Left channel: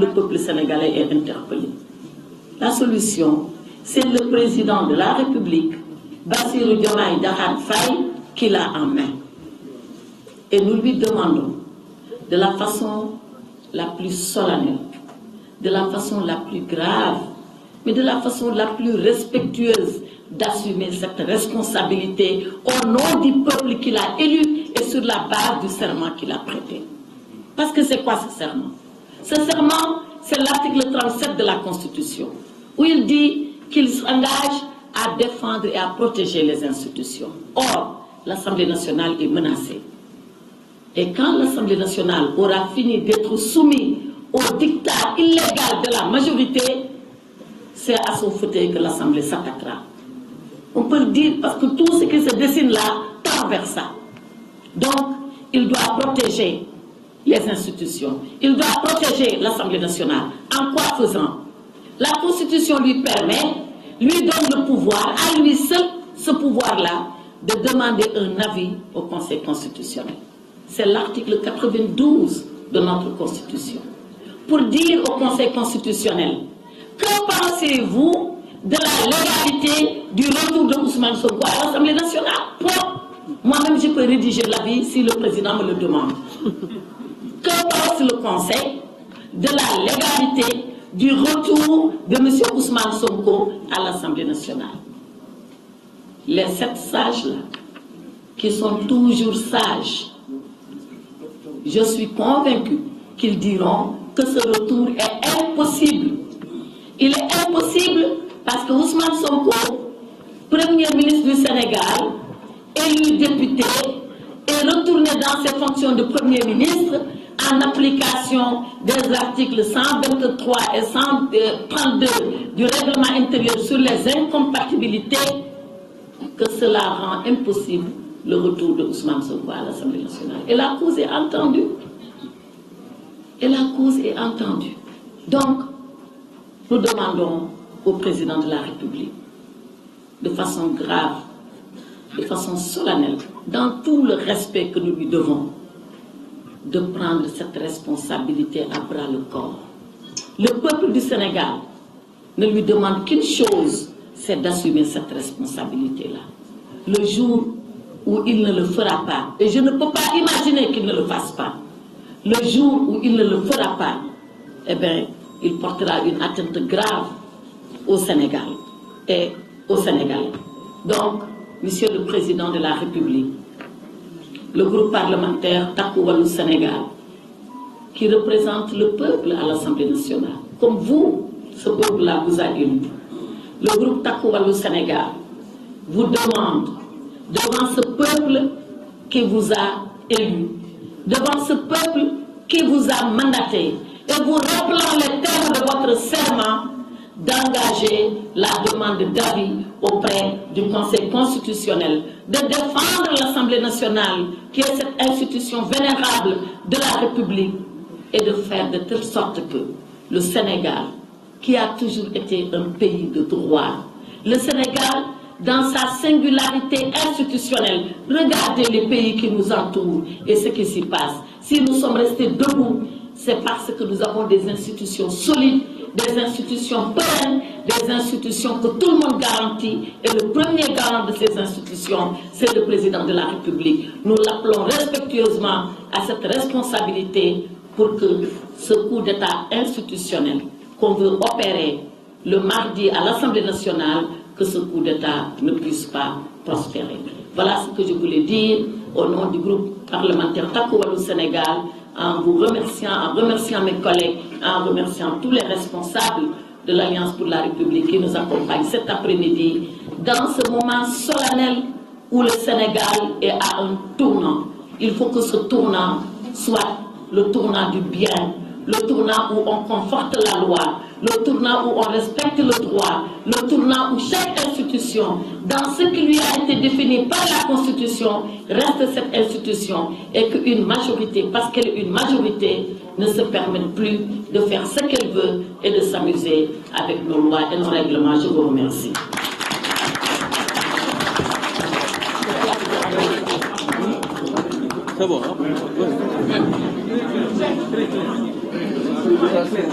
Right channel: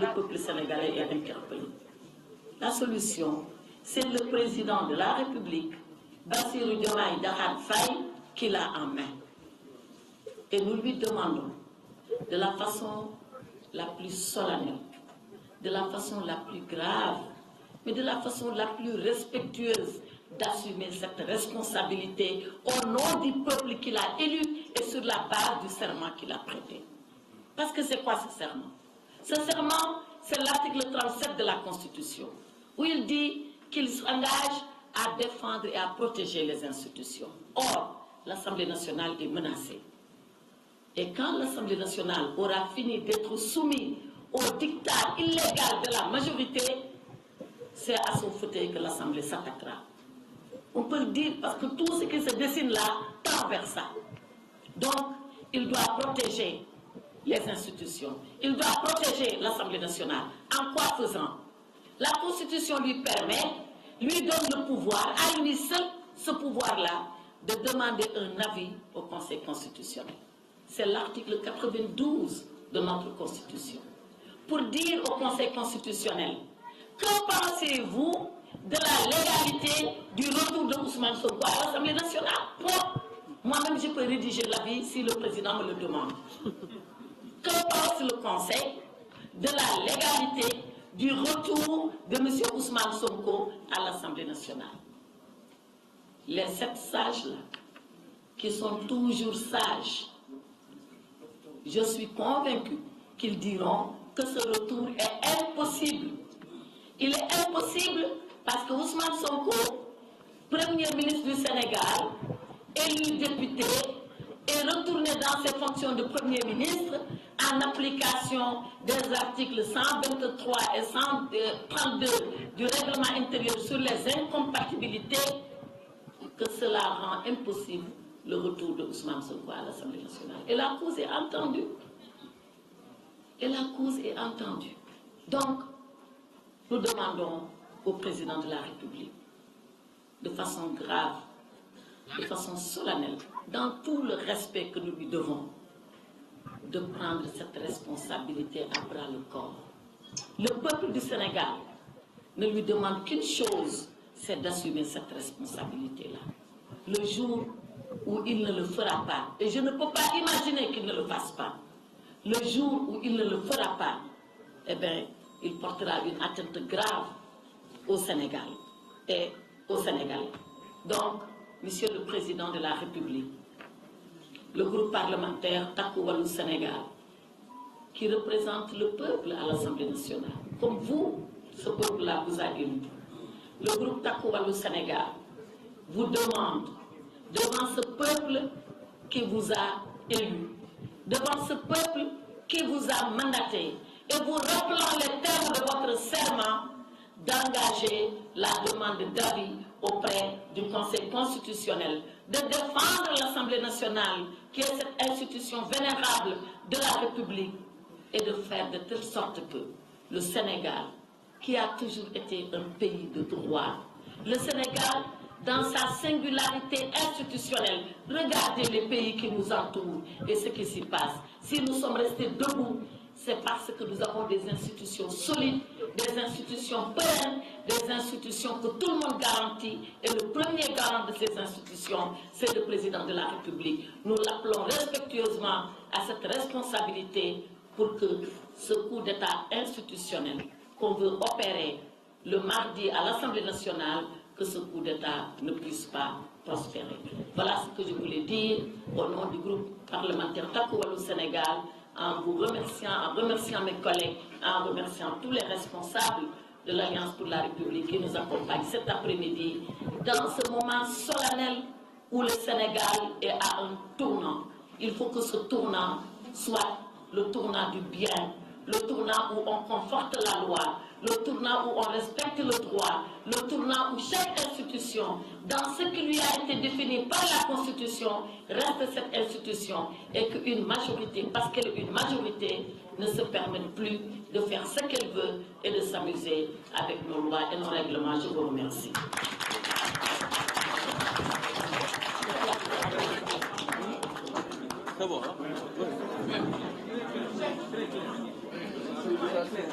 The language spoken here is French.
Le peuple sénégalais est interpellé. La solution, c'est le président de la République, Bassirou Diomaye Diakhar Faye, qui l'a en main. Et nous lui demandons, de la façon la plus solennelle, de la façon la plus grave, mais de la façon la plus respectueuse, d'assumer cette responsabilité au nom du peuple qu'il a élu et sur la base du serment qu'il a prêté. Parce que c'est quoi ce serment? Ce serment, c'est l'article 37 de la Constitution, où il dit qu'il s'engage à défendre et à protéger les institutions. Or, l'Assemblée nationale est menacée. Et quand l'Assemblée nationale aura fini d'être soumise au dictat illégal de la majorité, c'est à son fauteuil que l'Assemblée s'attaquera. On peut le dire parce que tout ce qui se dessine là tend vers ça. Donc, il doit protéger les institutions. Il doit protéger l'Assemblée nationale. En quoi faisant? La Constitution lui permet, lui donne le pouvoir, à lui seul, ce pouvoir-là, de demander un avis au Conseil constitutionnel. C'est l'article 92 de notre Constitution. Pour dire au Conseil constitutionnel, que pensez-vous de la légalité du retour de Ousmane Sonko à l'Assemblée nationale? Moi-même, je peux rédiger l'avis si le président me le demande. Que pense le Conseil de la légalité du retour de M. Ousmane Sonko à l'Assemblée nationale? Les 7 sages-là, qui sont toujours sages, je suis convaincu qu'ils diront que ce retour est impossible. Il est impossible parce que Ousmane Sonko, Premier ministre du Sénégal, élu député, est retourné dans ses fonctions de Premier ministre en application des articles 123 et 132 du règlement intérieur sur les incompatibilités, que cela rend impossible le retour de Ousmane Sonko à l'Assemblée nationale. Et la cause est entendue. Et la cause est entendue. Donc, nous demandons au président de la République, de façon grave, de façon solennelle, dans tout le respect que nous lui devons, de prendre cette responsabilité à bras le corps. Le peuple du Sénégal ne lui demande qu'une chose, c'est d'assumer cette responsabilité-là. Le jour où il ne le fera pas, et je ne peux pas imaginer qu'il ne le fasse pas, le jour où il ne le fera pas, eh bien, il portera une atteinte grave au Sénégal et aux Sénégalais. Donc, Monsieur le Président de la République, le groupe parlementaire Takku Wallu Sénégal, qui représente le peuple à l'Assemblée nationale, comme vous, ce peuple-là vous a élu, le groupe Takku Wallu Sénégal vous demande, devant ce peuple qui vous a élu, devant ce peuple qui vous a mandaté, et vous rappelant les termes de votre serment, d'engager la demande d'avis auprès du Conseil constitutionnel, de défendre l'Assemblée nationale, qui est cette institution vénérable de la République, et de faire de telle sorte que le Sénégal, qui a toujours été un pays de droit, le Sénégal, dans sa singularité institutionnelle, regardez les pays qui nous entourent et ce qui s'y passe. Si nous sommes restés debout, c'est parce que nous avons des institutions solides, des institutions pérennes, des institutions que tout le monde garantit. Et le premier garant de ces institutions, c'est le président de la République. Nous l'appelons respectueusement à cette responsabilité pour que ce coup d'État institutionnel qu'on veut opérer le mardi à l'Assemblée nationale, que ce coup d'État ne puisse pas prospérer. Voilà ce que je voulais dire au nom du groupe parlementaire Takku Wallu Sénégal, en vous remerciant, en remerciant mes collègues, en remerciant tous les responsables de l'Alliance pour la République qui nous accompagnent cet après-midi dans ce moment solennel où le Sénégal est à un tournant. Il faut que ce tournant soit le tournant du bien, le tournant où on conforte la loi, le tournant où on respecte le droit, le tournant où chaque institution, dans ce qui lui a été défini par la Constitution, reste cette institution et qu'une majorité, parce qu'elle est une majorité, ne se permette plus de faire ce qu'elle veut et de s'amuser avec nos lois et nos règlements. Je vous remercie. C'est bon, hein? Ça, c'est-